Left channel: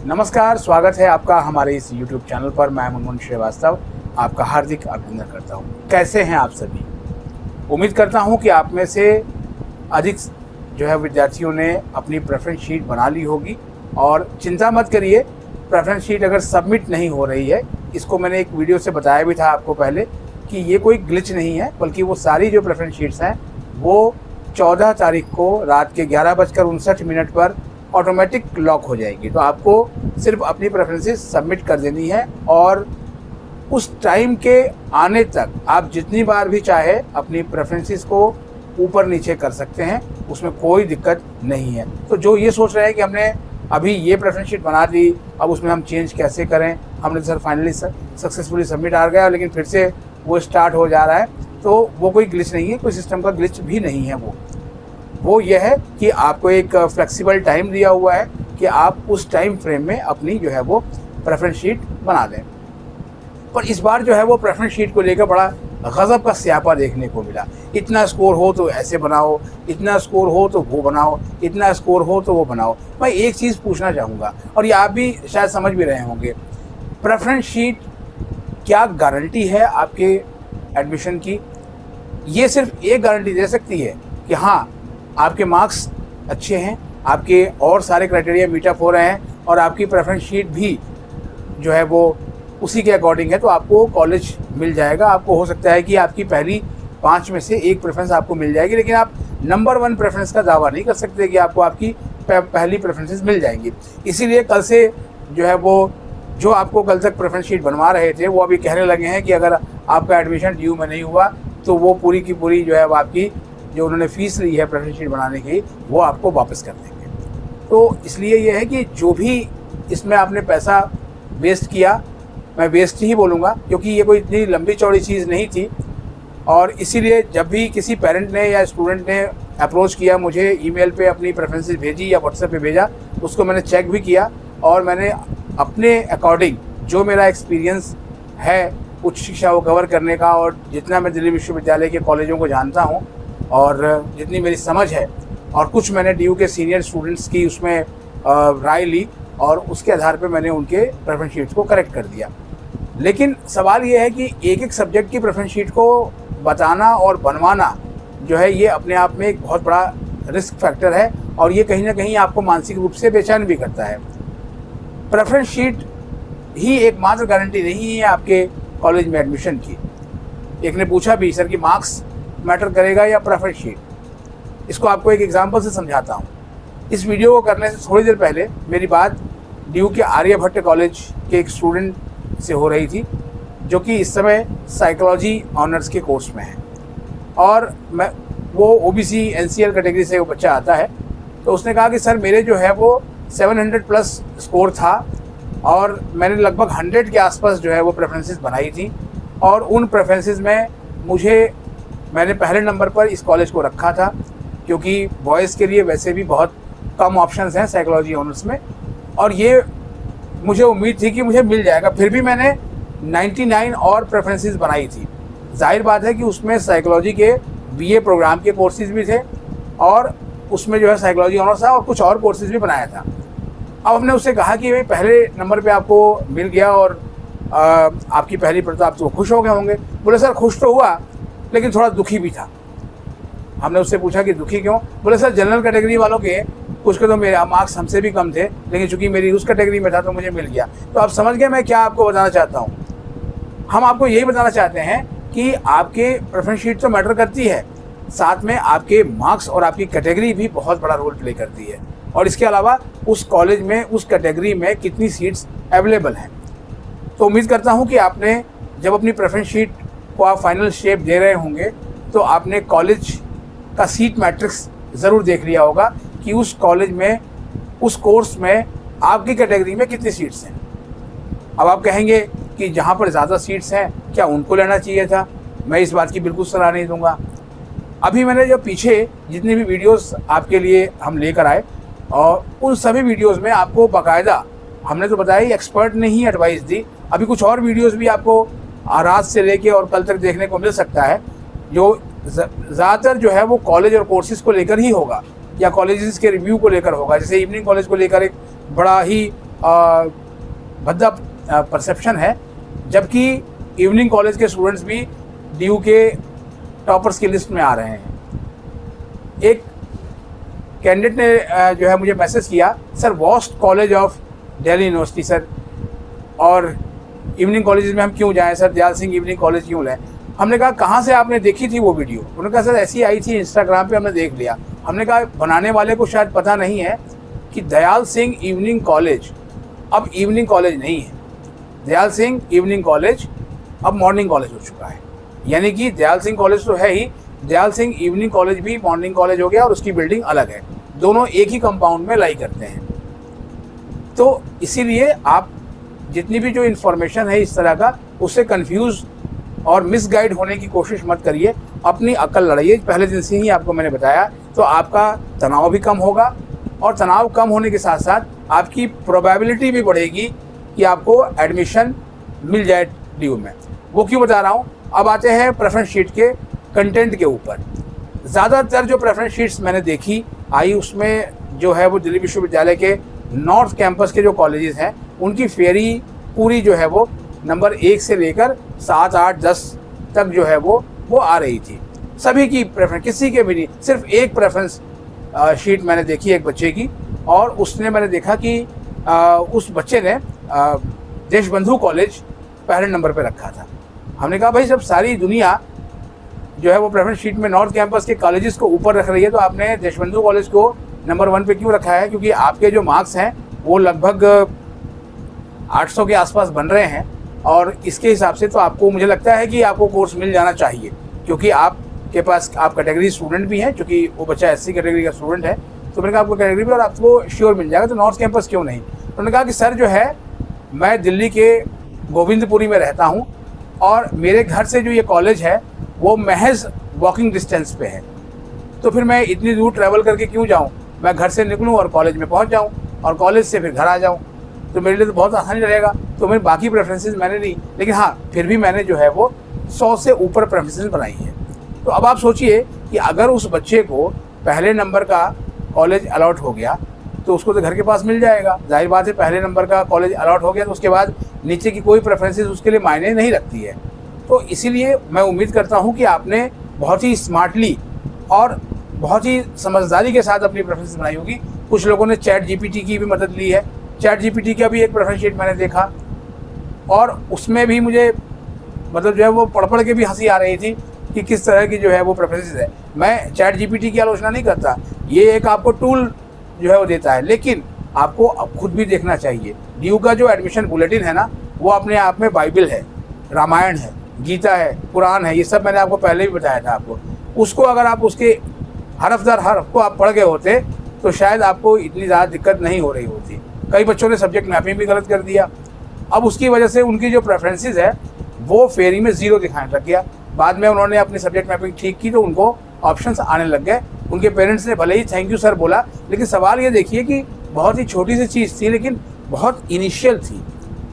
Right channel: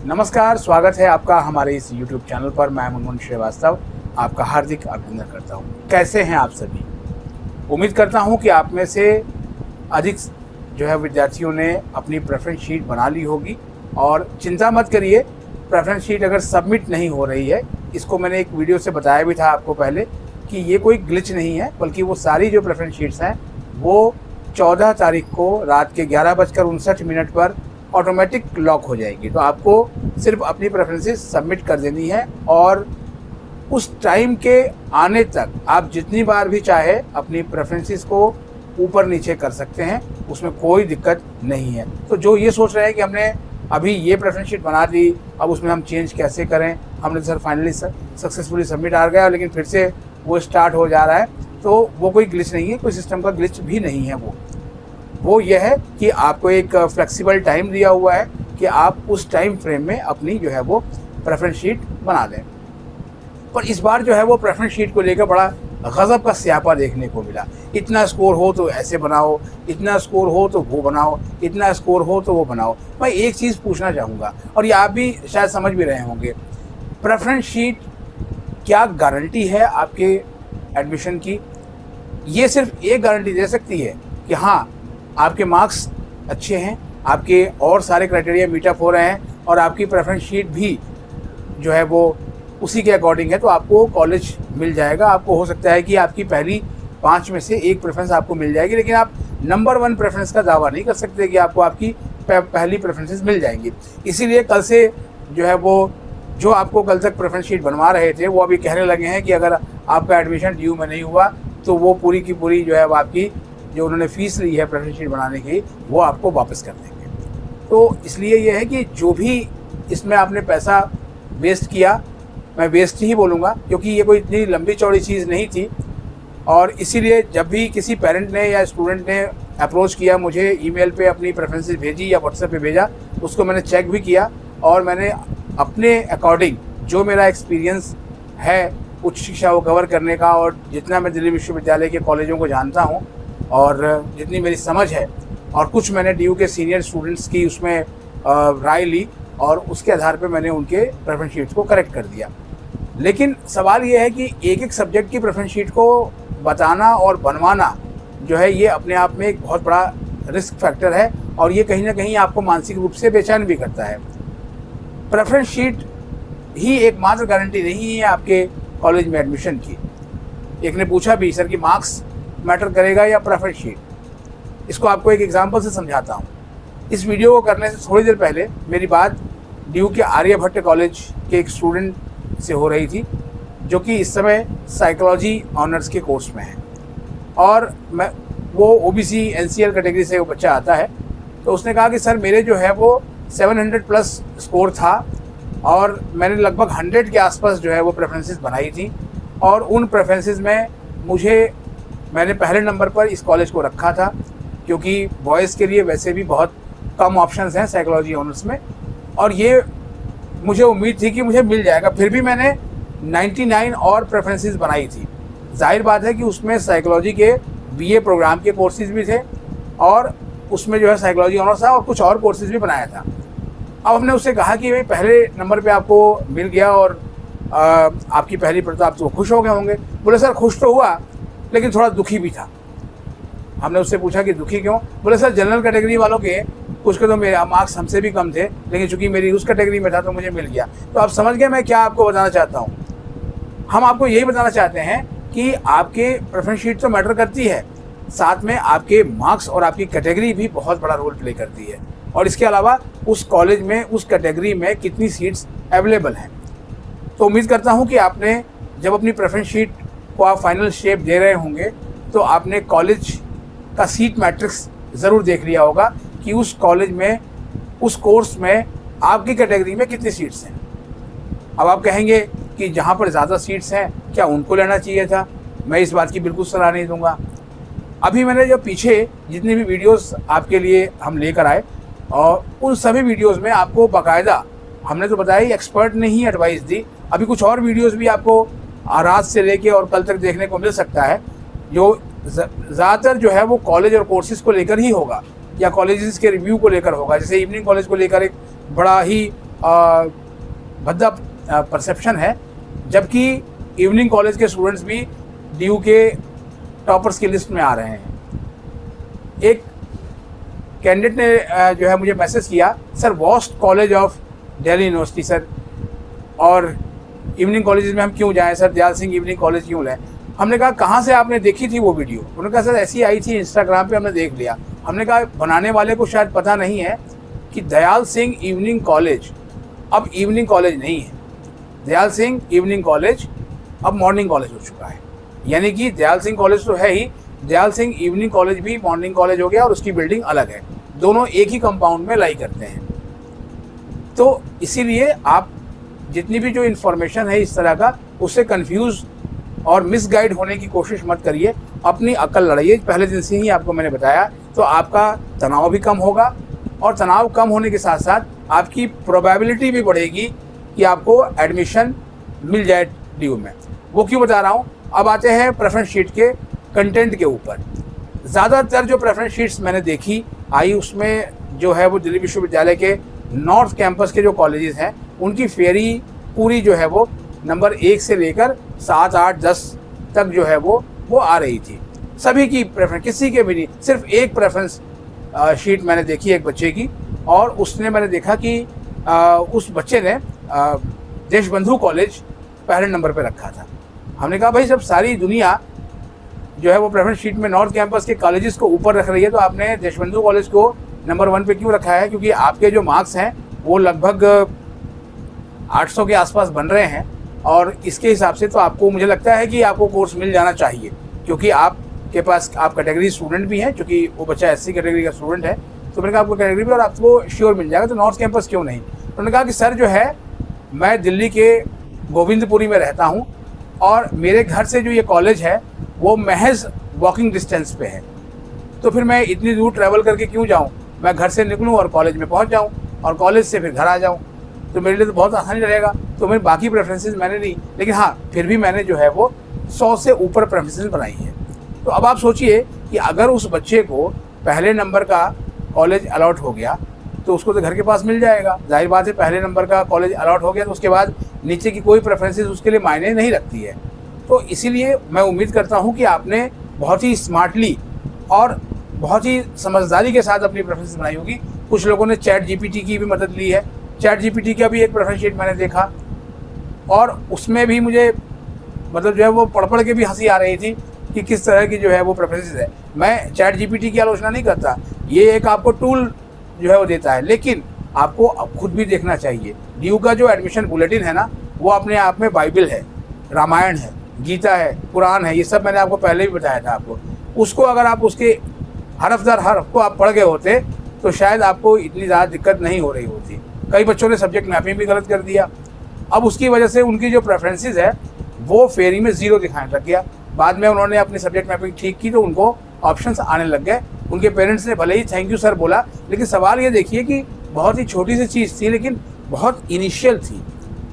नमस्कार, स्वागत है आपका हमारे इस YouTube चैनल पर। मैं मुनमुन श्रीवास्तव आपका हार्दिक अभिनंदन करता हूँ। कैसे हैं आप सभी? उम्मीद करता हूँ कि आप में से अधिक जो है विद्यार्थियों ने अपनी प्रेफरेंस शीट बना ली होगी। और चिंता मत करिए, प्रेफरेंस शीट अगर सबमिट नहीं हो रही है, इसको मैंने एक वीडियो से बताया भी था आपको पहले कि ये कोई ग्लिच नहीं है, बल्कि वो सारी जो प्रेफरेंस शीट्स हैं वो 14 तारीख को रात के 11:59 पर ऑटोमेटिक लॉक हो जाएगी। तो आपको सिर्फ अपनी प्रेफरेंसेस सबमिट कर देनी है और उस टाइम के आने तक आप जितनी बार भी चाहे अपनी प्रेफरेंसेस को ऊपर नीचे कर सकते हैं, उसमें कोई दिक्कत नहीं है। तो जो ये सोच रहे हैं कि हमने अभी ये प्रेफरेंस शीट बना दी, अब उसमें हम चेंज कैसे करें, हमने सर फाइनली सक्सेसफुली सबमिट आ गया लेकिन फिर से वो स्टार्ट हो जा रहा है, तो वो कोई ग्लिच नहीं है, कोई सिस्टम का ग्लिच भी नहीं है। वो ये है कि आपको एक फ्लेक्सिबल टाइम दिया हुआ है कि आप उस टाइम फ्रेम में अपनी जो है वो प्रेफरेंस शीट बना दें। पर इस बार जो है वो प्रेफरेंस शीट को लेकर बड़ा गज़ब का स्यापा देखने को मिला। इतना स्कोर हो तो ऐसे बनाओ, इतना स्कोर हो तो वो बनाओ, इतना स्कोर हो तो वो बनाओ। मैं एक चीज़ पूछना चाहूँगा, और ये आप भी शायद समझ भी रहे होंगे, प्रेफरेंस शीट क्या गारंटी है आपके एडमिशन की? ये सिर्फ एक गारंटी दे सकती है कि हाँ, आपके मार्क्स अच्छे हैं, आपके और सारे क्राइटेरिया मीटअप हो रहे हैं और आपकी प्रेफरेंस शीट भी जो है वो उसी के अकॉर्डिंग है, तो आपको कॉलेज मिल जाएगा। आपको हो सकता है कि आपकी पहली 5 में से एक प्रेफरेंस आपको मिल जाएगी, लेकिन आप नंबर 1 प्रेफरेंस का दावा नहीं कर सकते कि आपको आपकी पहली प्रेफरेंसेस मिल जाएंगी। इसीलिए कल से जो है वो जो आपको कल तक प्रेफरेंस शीट बनवा रहे थे वो अभी कहने लगे हैं कि अगर आपका एडमिशन ड्यू में नहीं हुआ तो वो पूरी की पूरी जो है वो आपकी जो उन्होंने फ़ीस ली है प्रेफरेंस शीट बनाने की वो आपको वापस कर देंगे। तो इसलिए ये है कि जो भी इसमें आपने पैसा वेस्ट किया, मैं वेस्ट ही बोलूँगा क्योंकि ये कोई इतनी लंबी चौड़ी चीज़ नहीं थी। और इसीलिए जब भी किसी पेरेंट ने या स्टूडेंट ने अप्रोच किया, मुझे ईमेल पे अपनी प्रेफरेंसेस भेजी या व्हाट्सएप पे भेजा, उसको मैंने चेक भी किया और मैंने अपने अकॉर्डिंग जो मेरा एक्सपीरियंस है उच्च शिक्षा को कवर करने का, और जितना मैं दिल्ली विश्वविद्यालय के कॉलेजों को जानता हूँ और जितनी मेरी समझ है, और कुछ मैंने डीयू के सीनियर स्टूडेंट्स की उसमें राय ली और उसके आधार पे मैंने उनके प्रेफरेंस शीट्स को करेक्ट कर दिया। लेकिन सवाल ये है कि एक एक सब्जेक्ट की प्रेफरेंस शीट को बताना और बनवाना जो है ये अपने आप में एक बहुत बड़ा रिस्क फैक्टर है और ये कहीं ना कहीं आपको मानसिक रूप से बेचैन भी करता है। प्रेफरेंस शीट ही एकमात्र गारंटी नहीं है आपके कॉलेज में एडमिशन की। एक ने पूछा भी, सर कि मार्क्स मैटर करेगा या प्रेफरेंस शीट? इसको आपको एक एग्जांपल से समझाता हूँ। इस वीडियो को करने से थोड़ी देर पहले मेरी बात डीयू के आर्यभट्ट कॉलेज के एक स्टूडेंट से हो रही थी जो कि इस समय साइकोलॉजी ऑनर्स के कोर्स में है, और वो ओबीसी एनसीएल कैटेगरी से वो बच्चा आता है। तो उसने कहा कि सर मेरे जो है वो 700 प्लस स्कोर था और मैंने लगभग 100 के आसपास जो है वो प्रेफरेंसेस बनाई थी, और उन प्रेफरेंसेस में मैंने पहले नंबर पर इस कॉलेज को रखा था क्योंकि बॉयज़ के लिए वैसे भी बहुत कम ऑप्शंस हैं साइकोलॉजी ऑनर्स में, और ये मुझे उम्मीद थी कि मुझे मिल जाएगा। फिर भी मैंने 99 और प्रेफरेंसेस बनाई थी। जाहिर बात है कि उसमें साइकोलॉजी के बीए प्रोग्राम के कोर्सेज भी थे और उसमें जो है साइकोलॉजी ऑनर्स था और कुछ और कोर्सेज भी बनाया था। अब हमने उससे कहा कि भाई पहले नंबर पे आपको मिल गया और आपकी पहली तो आप तो खुश हो गए होंगे। बोले सर खुश तो हुआ लेकिन थोड़ा दुखी भी था। हमने उससे पूछा कि दुखी क्यों? बोले सर जनरल कैटेगरी वालों के कुछ के तो मेरे मार्क्स हमसे भी कम थे, लेकिन चूंकि मेरी उस कैटेगरी में था तो मुझे मिल गया। तो आप समझ गए मैं क्या आपको बताना चाहता हूँ। हम आपको यही बताना चाहते हैं कि आपके प्रेफरेंस शीट तो मैटर करती है, साथ में आपके मार्क्स और आपकी कैटेगरी भी बहुत बड़ा रोल प्ले करती है, और इसके अलावा उस कॉलेज में उस कैटेगरी में कितनी सीट्स अवेलेबल हैं। तो उम्मीद करता हूँ कि आपने जब अपनी प्रेफरेंस शीट को आप फाइनल शेप दे रहे होंगे तो आपने कॉलेज का सीट मैट्रिक्स ज़रूर देख लिया होगा कि उस कॉलेज में उस कोर्स में आपकी कैटेगरी में कितनी सीट्स हैं। अब आप कहेंगे कि जहाँ पर ज़्यादा सीट्स हैं क्या उनको लेना चाहिए था? मैं इस बात की बिल्कुल सलाह नहीं दूंगा। अभी मैंने जो पीछे जितनी भी वीडियोस आपके लिए हम लेकर आए और उन सभी वीडियोस में आपको बाकायदा हमने तो बताया ही, एक्सपर्ट ने ही एडवाइस दी। अभी कुछ और वीडियोस भी आपको रात से लेके और कल तक देखने को मिल सकता है जो ज़्यादातर जो है वो कॉलेज और कोर्सेज को लेकर ही होगा या कॉलेजेस के रिव्यू को लेकर होगा। जैसे इवनिंग कॉलेज को लेकर एक बड़ा ही भद्दा परसेप्शन है, जबकि इवनिंग कॉलेज के स्टूडेंट्स भी DU के टॉपर्स की लिस्ट में आ रहे हैं। एक कैंडिडेट ने जो है मुझे मैसेज किया, sir worst college of Delhi university sir, और इवनिंग कॉलेज में हम क्यों जाएं sir, Dayal Singh evening college क्यों लें। हमने कहा कहाँ से आपने देखी थी वो वीडियो। उन्होंने कहा सर ऐसी आई थी इंस्टाग्राम पे, हमने देख लिया। हमने कहा बनाने वाले को शायद पता नहीं है कि दयाल सिंह इवनिंग कॉलेज अब इवनिंग कॉलेज नहीं है। दयाल सिंह इवनिंग कॉलेज अब मॉर्निंग कॉलेज हो चुका है। यानी कि दयाल सिंह कॉलेज तो है ही, दयाल सिंह इवनिंग कॉलेज भी मॉर्निंग कॉलेज हो गया और उसकी बिल्डिंग अलग है। दोनों एक ही कंपाउंड में लाई करते हैं। तो इसीलिए आप जितनी भी जो इन्फॉर्मेशन है इस तरह का, उससे कंफ्यूज और मिसगाइड होने की कोशिश मत करिए। अपनी अक्ल लड़ाइए। पहले दिन से ही आपको मैंने बताया, तो आपका तनाव भी कम होगा, और तनाव कम होने के साथ साथ आपकी प्रोबेबिलिटी भी बढ़ेगी कि आपको एडमिशन मिल जाए DU में। वो क्यों बता रहा हूँ। अब आते हैं प्रेफरेंस शीट के कंटेंट के ऊपर। ज़्यादातर जो प्रेफरेंस शीट्स मैंने देखी आई, उसमें जो है वो दिल्ली विश्वविद्यालय के नॉर्थ कैंपस के जो कॉलेजेस हैं उनकी फेरी पूरी जो है वो नंबर 1 से लेकर 7, 8, 10 तक जो है वो आ रही थी। सभी की प्रेफरेंस, किसी के भी नहीं। सिर्फ एक प्रेफरेंस शीट मैंने देखी एक बच्चे की, और उसने मैंने देखा कि उस बच्चे ने देशबंधु कॉलेज पहले नंबर पे रखा था। हमने कहा भाई जब सारी दुनिया जो है वो प्रेफरेंस शीट में नॉर्थ कैंपस के कॉलेजेस को ऊपर रख रही है, तो आपने देशबंधु कॉलेज को नंबर 1 पे क्यों रखा है। क्योंकि आपके जो मार्क्स हैं वो लगभग 800 के आसपास बन रहे हैं, और इसके हिसाब से तो आपको, मुझे लगता है कि आपको कोर्स मिल जाना चाहिए, क्योंकि आपके पास आप कैटेगरी स्टूडेंट भी हैं, क्योंकि वो बच्चा SC कैटेगरी का स्टूडेंट है। तो मैंने कहा आपको कैटेगरी भी और आपको श्योर मिल जाएगा, तो नॉर्थ कैंपस क्यों नहीं। तो उन्होंने कहा कि सर जो है मैं दिल्ली के गोविंदपुरी में रहता हूँ, और मेरे घर से जो ये कॉलेज है वो महज वॉकिंग डिस्टेंस पे है, तो फिर मैं इतनी दूर ट्रैवल करके क्यों जाऊँ। मैं घर से निकलूँ और कॉलेज में पहुँच जाऊँ, और कॉलेज से फिर घर आ जाऊँ, तो मेरे लिए तो बहुत आसानी रहेगा। तो मेरे बाकी प्रेफरेंसेस मैंने नहीं, लेकिन हाँ फिर भी मैंने जो है वो 100 से ऊपर प्रेफरेंसेस बनाई है। तो अब आप सोचिए कि अगर उस बच्चे को पहले नंबर का कॉलेज अलॉट हो गया, तो उसको तो घर के पास मिल जाएगा। जाहिर बात है, पहले नंबर का कॉलेज अलॉट हो गया तो उसके बाद नीचे की कोई प्रेफरेंसेस उसके लिए मायने नहीं रखती है। तो इसीलिए मैं उम्मीद करता हूँ कि आपने बहुत ही स्मार्टली और बहुत ही समझदारी के साथ अपनी प्रेफरेंस बनाई होगी। कुछ लोगों ने ChatGPT की भी मदद ली है। ChatGPT का भी एक प्रेफरेंस शीट मैंने देखा, और उसमें भी मुझे मतलब जो है वो पढ़ के भी हंसी आ रही थी कि किस तरह की जो है वो प्रेफरेंसेस है। मैं ChatGPT की आलोचना नहीं करता, ये एक आपको टूल जो है वो देता है, लेकिन आपको अब खुद भी देखना चाहिए। DU का जो एडमिशन बुलेटिन है ना, वो अपने आप में बाइबल है, रामायण है, गीता है, कुरान है, ये सब मैंने आपको पहले भी बताया था आपको। उसको अगर आप उसके हरफ दर हरफ को आप पढ़ गए होते तो शायद आपको इतनी ज़्यादा दिक्कत नहीं हो रही होती। कई बच्चों ने सब्जेक्ट मैपिंग भी गलत कर दिया, अब उसकी वजह से उनकी जो प्रेफरेंसेस है वो फेरी में 0 दिखाने लग गया। बाद में उन्होंने अपनी सब्जेक्ट मैपिंग ठीक की तो उनको ऑप्शंस आने लग गए। उनके पेरेंट्स ने भले ही थैंक यू सर बोला, लेकिन सवाल ये देखिए कि बहुत ही छोटी सी चीज़ थी, लेकिन बहुत इनिशियल थी,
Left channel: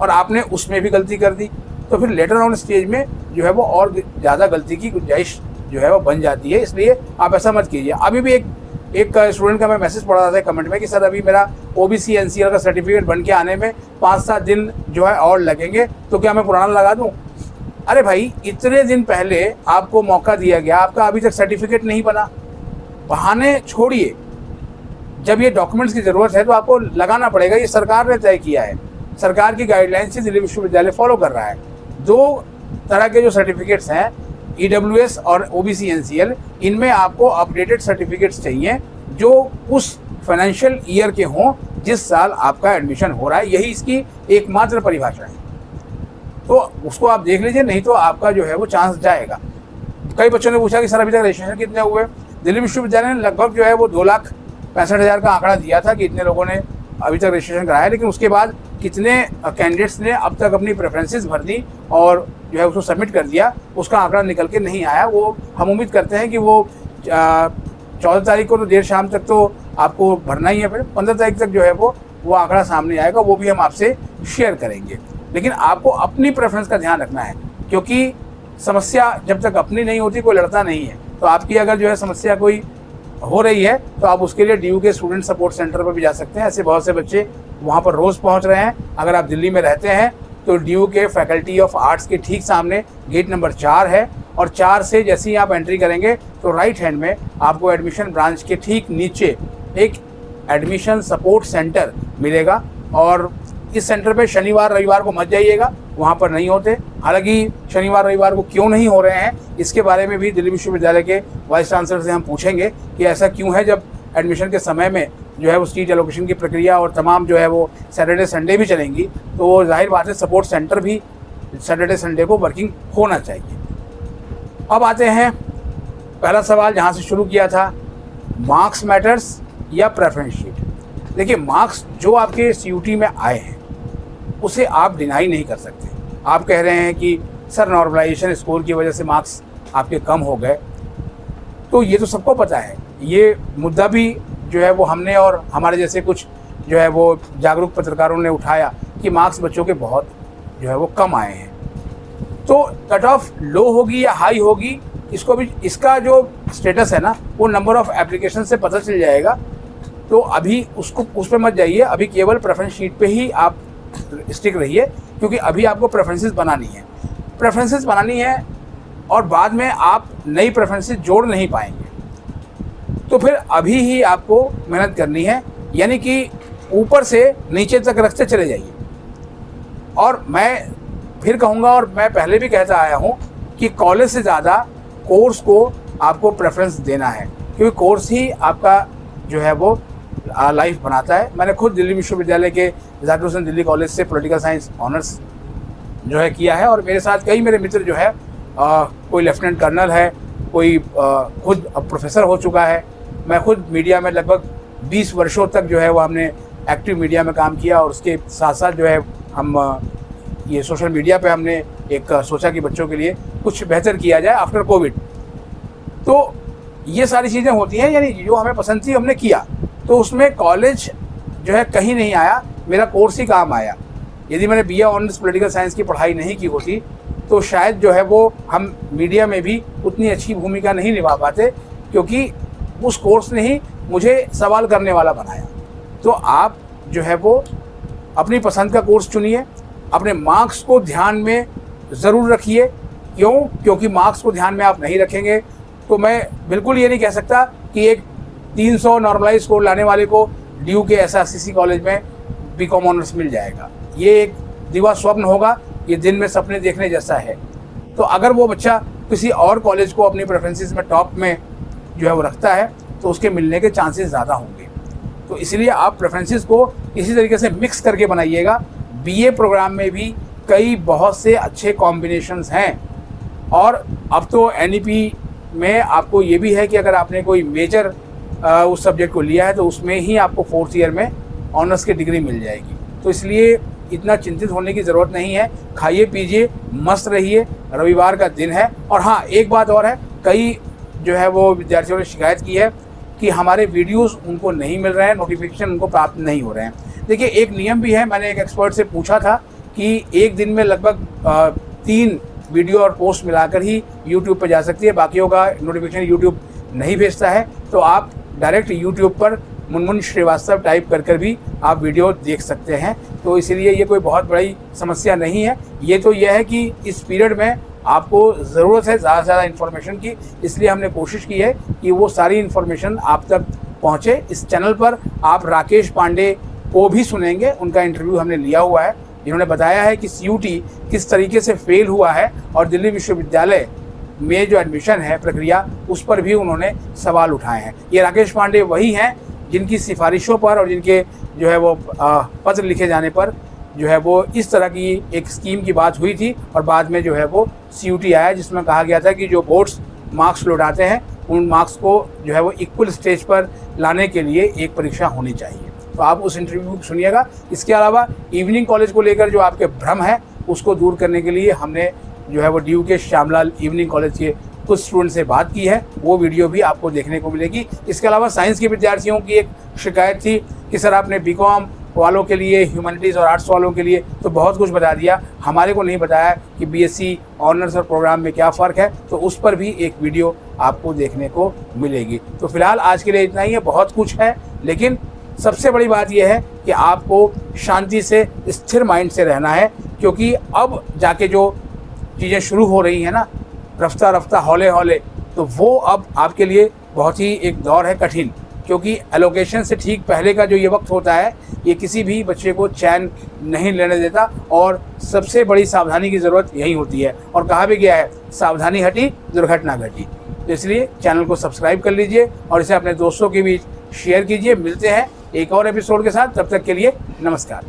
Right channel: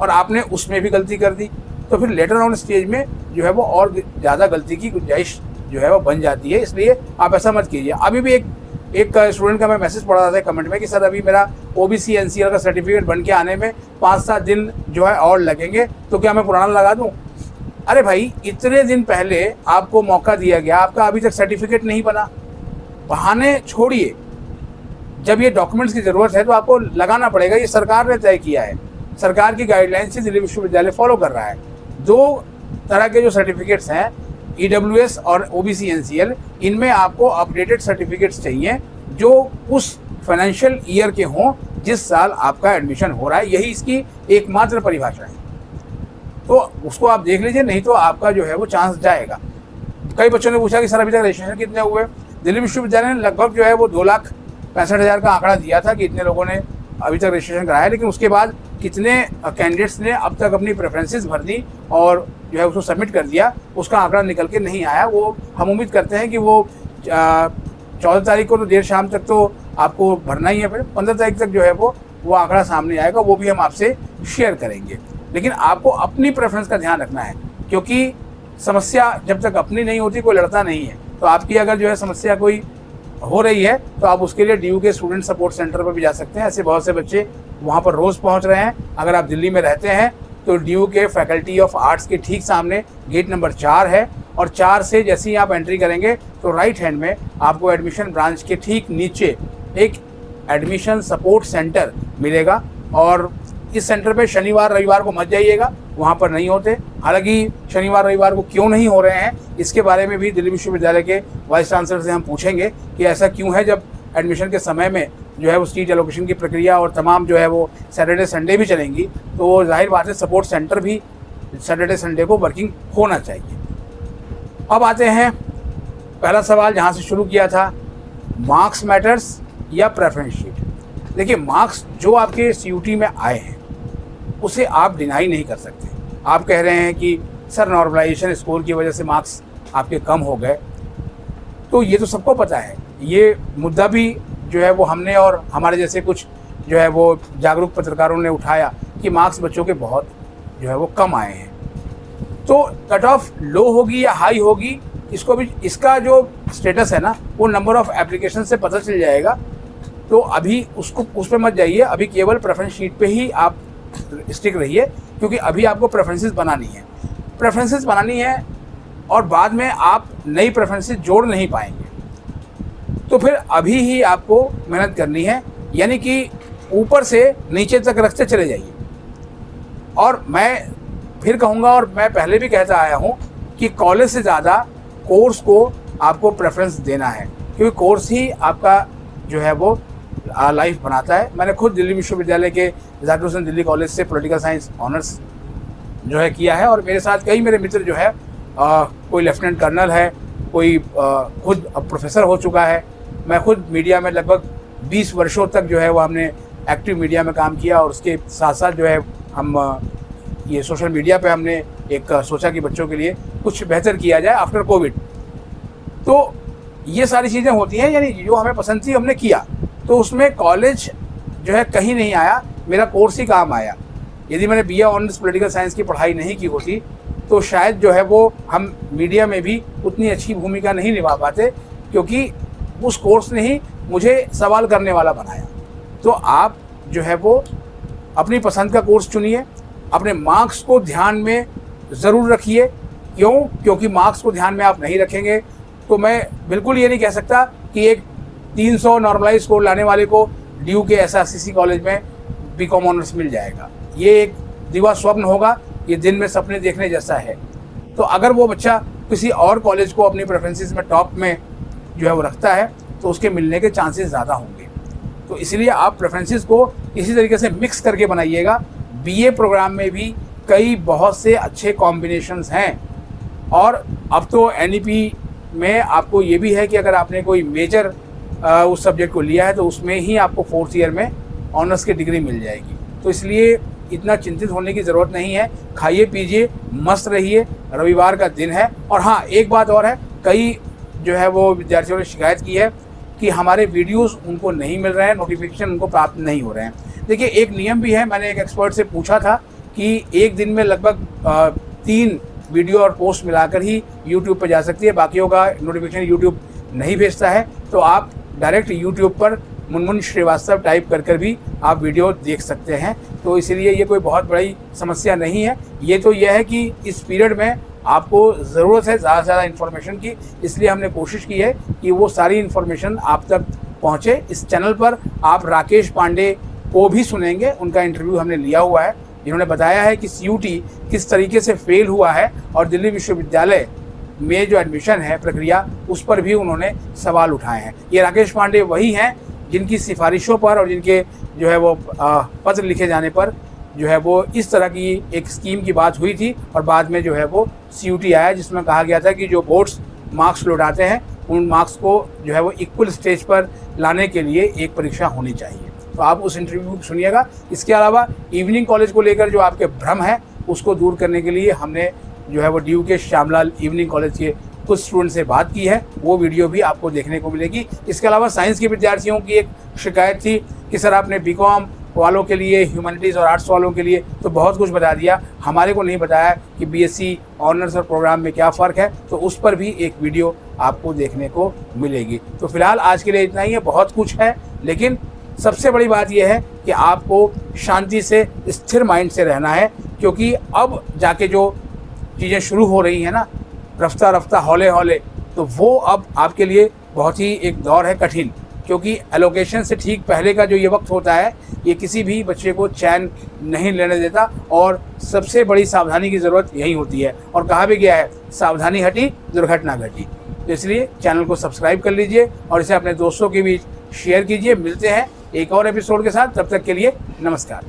और आपने उसमें भी गलती कर दी। तो फिर लेटर ऑन स्टेज में जो है वो और ज़्यादा गलती की गुंजाइश जो है वो बन जाती है। इसलिए आप ऐसा मत कीजिए। अभी भी एक स्टूडेंट का मैं मैसेज पढ़ रहा था कमेंट में कि सर अभी मेरा OBC NCL का सर्टिफिकेट बन के आने में 5-7 दिन जो है और लगेंगे, तो क्या मैं पुराना लगा दूं। अरे भाई, इतने दिन पहले आपको मौका दिया गया, आपका अभी तक सर्टिफिकेट नहीं बना। बहाने छोड़िए, जब ये डॉक्यूमेंट्स की ज़रूरत है तो आपको लगाना पड़ेगा। ये सरकार ने तय किया है, सरकार की गाइडलाइन से दिल्ली विश्वविद्यालय फॉलो कर रहा है। 2 तरह के जो सर्टिफिकेट्स हैं, EWS और OBC NCL, इनमें आपको अपडेटेड सर्टिफिकेट्स चाहिए जो उस फाइनेंशियल ईयर के हों जिस साल आपका एडमिशन हो रहा है। यही इसकी एकमात्र परिभाषा है, तो उसको आप देख लीजिए, नहीं तो आपका जो है वो चांस जाएगा। कई बच्चों ने पूछा कि सर अभी तक रजिस्ट्रेशन कितने हुए। दिल्ली विश्वविद्यालय ने लगभग जो है वो 2,65,000 का आंकड़ा दिया था कि इतने लोगों ने अभी तक रजिस्ट्रेशन कराया, लेकिन उसके बाद कितने कैंडिडेट्स ने अब तक अपनी प्रेफरेंसेस भर दी और जो है उसको सबमिट कर दिया, उसका आंकड़ा निकल के नहीं आया। वो हम उम्मीद करते हैं कि वो 14 तारीख को तो देर शाम तक तो आपको भरना ही है, फिर 15 तारीख तक जो है वो आंकड़ा सामने आएगा, वो भी हम आपसे शेयर करेंगे। लेकिन आपको अपनी प्रेफरेंस का ध्यान रखना है, क्योंकि समस्या जब तक अपनी नहीं होती कोई लड़ता नहीं है। तो आपकी अगर जो है समस्या कोई हो रही है तो आप उसके लिए DU के स्टूडेंट सपोर्ट सेंटर पर भी जा सकते हैं। ऐसे बहुत से बच्चे वहाँ पर रोज़ पहुँच रहे हैं। अगर आप दिल्ली में रहते हैं तो ड्यू के फैकल्टी ऑफ आर्ट्स के ठीक सामने गेट नंबर 4 है, और 4 से जैसे ही आप एंट्री करेंगे तो राइट हैंड में आपको एडमिशन ब्रांच के ठीक नीचे एक एडमिशन सपोर्ट सेंटर मिलेगा। और इस सेंटर पे शनिवार रविवार को मत जाइएगा, वहाँ पर नहीं होते। हालांकि शनिवार रविवार को क्यों नहीं हो रहे हैं, इसके बारे में भी दिल्ली विश्वविद्यालय के वाइस चांसलर से हम पूछेंगे कि ऐसा क्यों है, जब एडमिशन के समय में जो है वो सीट एलोकेशन की प्रक्रिया और तमाम जो है वो सैटरडे संडे भी चलेंगी, तो जाहिर बात है सपोर्ट सेंटर भी सैटरडे संडे को वर्किंग होना चाहिए। अब आते हैं पहला सवाल जहाँ से शुरू किया था, मार्क्स मैटर्स या प्रेफरेंस शीट। देखिए, मार्क्स जो आपके CUT में आए हैं उसे आप डिनाई नहीं कर सकते। आप कह रहे हैं कि सर नॉर्मलाइजेशन स्कोर की वजह से मार्क्स आपके कम हो गए, तो ये तो सबको पता है। ये मुद्दा भी जो है वो हमने और हमारे जैसे कुछ जो है वो जागरूक पत्रकारों ने उठाया कि मार्क्स बच्चों के बहुत जो है वो कम आए हैं। तो कट ऑफ लो होगी या हाई होगी, इसको भी, इसका जो स्टेटस है ना वो नंबर ऑफ एप्लीकेशन से पता चल जाएगा। तो अभी उसको उस पर मत जाइए, अभी केवल प्रेफरेंस शीट पे ही आप स्टिक रहिए, क्योंकि अभी आपको प्रेफरेंसेस बनानी है। प्रेफरेंसेस बनानी है और बाद में आप नई प्रेफरेंसेस जोड़ नहीं पाएंगे, तो फिर अभी ही आपको मेहनत करनी है, यानी कि ऊपर से नीचे तक रखते चले जाइए। और मैं फिर कहूँगा, और मैं पहले भी कहता आया हूँ कि कॉलेज से ज़्यादा कोर्स को आपको प्रेफरेंस देना है, क्योंकि कोर्स ही आपका जो है वो लाइफ बनाता है। मैंने खुद दिल्ली विश्वविद्यालय के जाकिर हुसैन दिल्ली कॉलेज से पॉलिटिकल साइंस ऑनर्स जो है किया है, और मेरे साथ कई मेरे मित्र जो है कोई लेफ्टिनेंट कर्नल है, कोई खुद अब प्रोफेसर हो चुका है। मैं खुद मीडिया में लगभग 20 वर्षों तक जो है वो हमने एक्टिव मीडिया में काम किया, और उसके साथ साथ जो है हम ये सोशल मीडिया पे हमने एक सोचा कि बच्चों के लिए कुछ बेहतर किया जाए आफ्टर कोविड। तो ये सारी चीज़ें होती हैं, यानी जो हमें पसंद थी हमने किया, तो उसमें कॉलेज जो है कहीं नहीं आया, मेरा कोर्स ही काम आया। यदि मैंने BA ऑनर्स पॉलिटिकल साइंस की पढ़ाई नहीं की होती तो शायद जो है वो हम मीडिया में भी उतनी अच्छी भूमिका नहीं निभा पाते, क्योंकि उस कोर्स ने ही मुझे सवाल करने वाला बनाया। तो आप जो है वो अपनी पसंद का कोर्स चुनिए, अपने मार्क्स को ध्यान में ज़रूर रखिए। क्यों? क्योंकि मार्क्स को ध्यान में आप नहीं रखेंगे तो मैं बिल्कुल ये नहीं कह सकता कि एक 300 नॉर्मलाइज स्कोर लाने वाले को ड्यू के SRCC कॉलेज में BCom ऑनर्स मिल जाएगा। ये एक दिवा स्वप्न होगा, ये दिन में सपने देखने जैसा है। तो अगर वो बच्चा किसी और कॉलेज को अपनी प्रेफरेंसेस में टॉप में जो है वो रखता है तो उसके मिलने के चांसेस ज़्यादा होंगे। तो इसलिए आप प्रेफरेंसेस को इसी तरीके से मिक्स करके बनाइएगा। BA प्रोग्राम में भी कई बहुत से अच्छे कॉम्बिनेशंस हैं, और अब तो NEP में आपको ये भी है कि अगर आपने कोई मेजर उस सब्जेक्ट को लिया है तो उसमें ही आपको 4th ईयर में ऑनर्स की डिग्री मिल जाएगी। तो इसलिए इतना चिंतित होने की ज़रूरत नहीं है। खाइए पीजिए, मस्त रहिए, रविवार का दिन है। और हाँ, एक बात और है, कई जो है वो विद्यार्थियों ने शिकायत की है कि हमारे वीडियोस उनको नहीं मिल रहे हैं, नोटिफिकेशन उनको प्राप्त नहीं हो रहे हैं। देखिए, एक नियम भी है, मैंने एक एक्सपर्ट से पूछा था कि एक दिन में लगभग 3 वीडियो और पोस्ट मिलाकर ही यूट्यूब पर जा सकती है, बाकियों का नोटिफिकेशन यूट्यूब नहीं भेजता है। तो आप डायरेक्ट यूट्यूब पर मुनमुन श्रीवास्तव टाइप कर भी आप वीडियो देख सकते हैं। तो इसीलिए ये कोई बहुत बड़ी समस्या नहीं है। ये तो यह है कि इस पीरियड में आपको ज़रूरत है ज़्यादा से ज़्यादा इन्फॉर्मेशन की, इसलिए हमने कोशिश की है कि वो सारी इन्फॉर्मेशन आप तक पहुँचे। इस चैनल पर आप राकेश पांडे को भी सुनेंगे, उनका इंटरव्यू हमने लिया हुआ है, जिन्होंने बताया है कि CUT किस तरीके से फेल हुआ है, और दिल्ली विश्वविद्यालय में जो एडमिशन है प्रक्रिया, उस पर भी उन्होंने सवाल उठाए हैं। ये राकेश पांडे वही हैं जिनकी सिफारिशों पर और जिनके जो है वो पत्र लिखे जाने पर जो है वो इस तरह की एक स्कीम की बात हुई थी, और बाद में जो है वो CUT आया जिसमें कहा गया था कि जो बोर्ड्स मार्क्स लौटाते हैं उन मार्क्स को जो है वो इक्वल स्टेज पर लाने के लिए एक परीक्षा होनी चाहिए। तो आप उस इंटरव्यू को सुनिएगा। इसके अलावा इवनिंग कॉलेज को लेकर जो आपके भ्रम है उसको दूर करने के लिए हमने जो है वो ड्यू के श्यामलाल इवनिंग कॉलेज के कुछ स्टूडेंट से बात की है, वो वीडियो भी आपको देखने को मिलेगी। इसके अलावा साइंस के विद्यार्थियों की एक शिकायत थी कि सर आपने BCom वालों के लिए, ह्यूमैनिटीज़ और आर्ट्स वालों के लिए तो बहुत कुछ बता दिया, हमारे को नहीं बताया कि BSc ऑनर्स और प्रोग्राम में क्या फ़र्क है। तो उस पर भी एक वीडियो आपको देखने को मिलेगी। तो फिलहाल आज के लिए इतना ही है, बहुत कुछ है, लेकिन सबसे बड़ी बात यह है कि आपको शांति से, स्थिर माइंड से रहना है, क्योंकि अब जाके जो चीज़ें शुरू हो रही हैं ना, रफ्ता रफ्ता हौले हौले, तो वो अब आपके लिए बहुत ही एक दौर है कठिन, क्योंकि एलोकेशन से ठीक पहले का जो ये वक्त होता है, ये किसी भी बच्चे को चैन नहीं लेने देता, और सबसे बड़ी सावधानी की ज़रूरत यही होती है। और कहा भी गया है, सावधानी हटी दुर्घटना घटी। तो इसलिए चैनल को सब्सक्राइब कर लीजिए और इसे अपने दोस्तों के बीच शेयर कीजिए। मिलते हैं एक और एपिसोड के साथ, तब तक के लिए नमस्कार।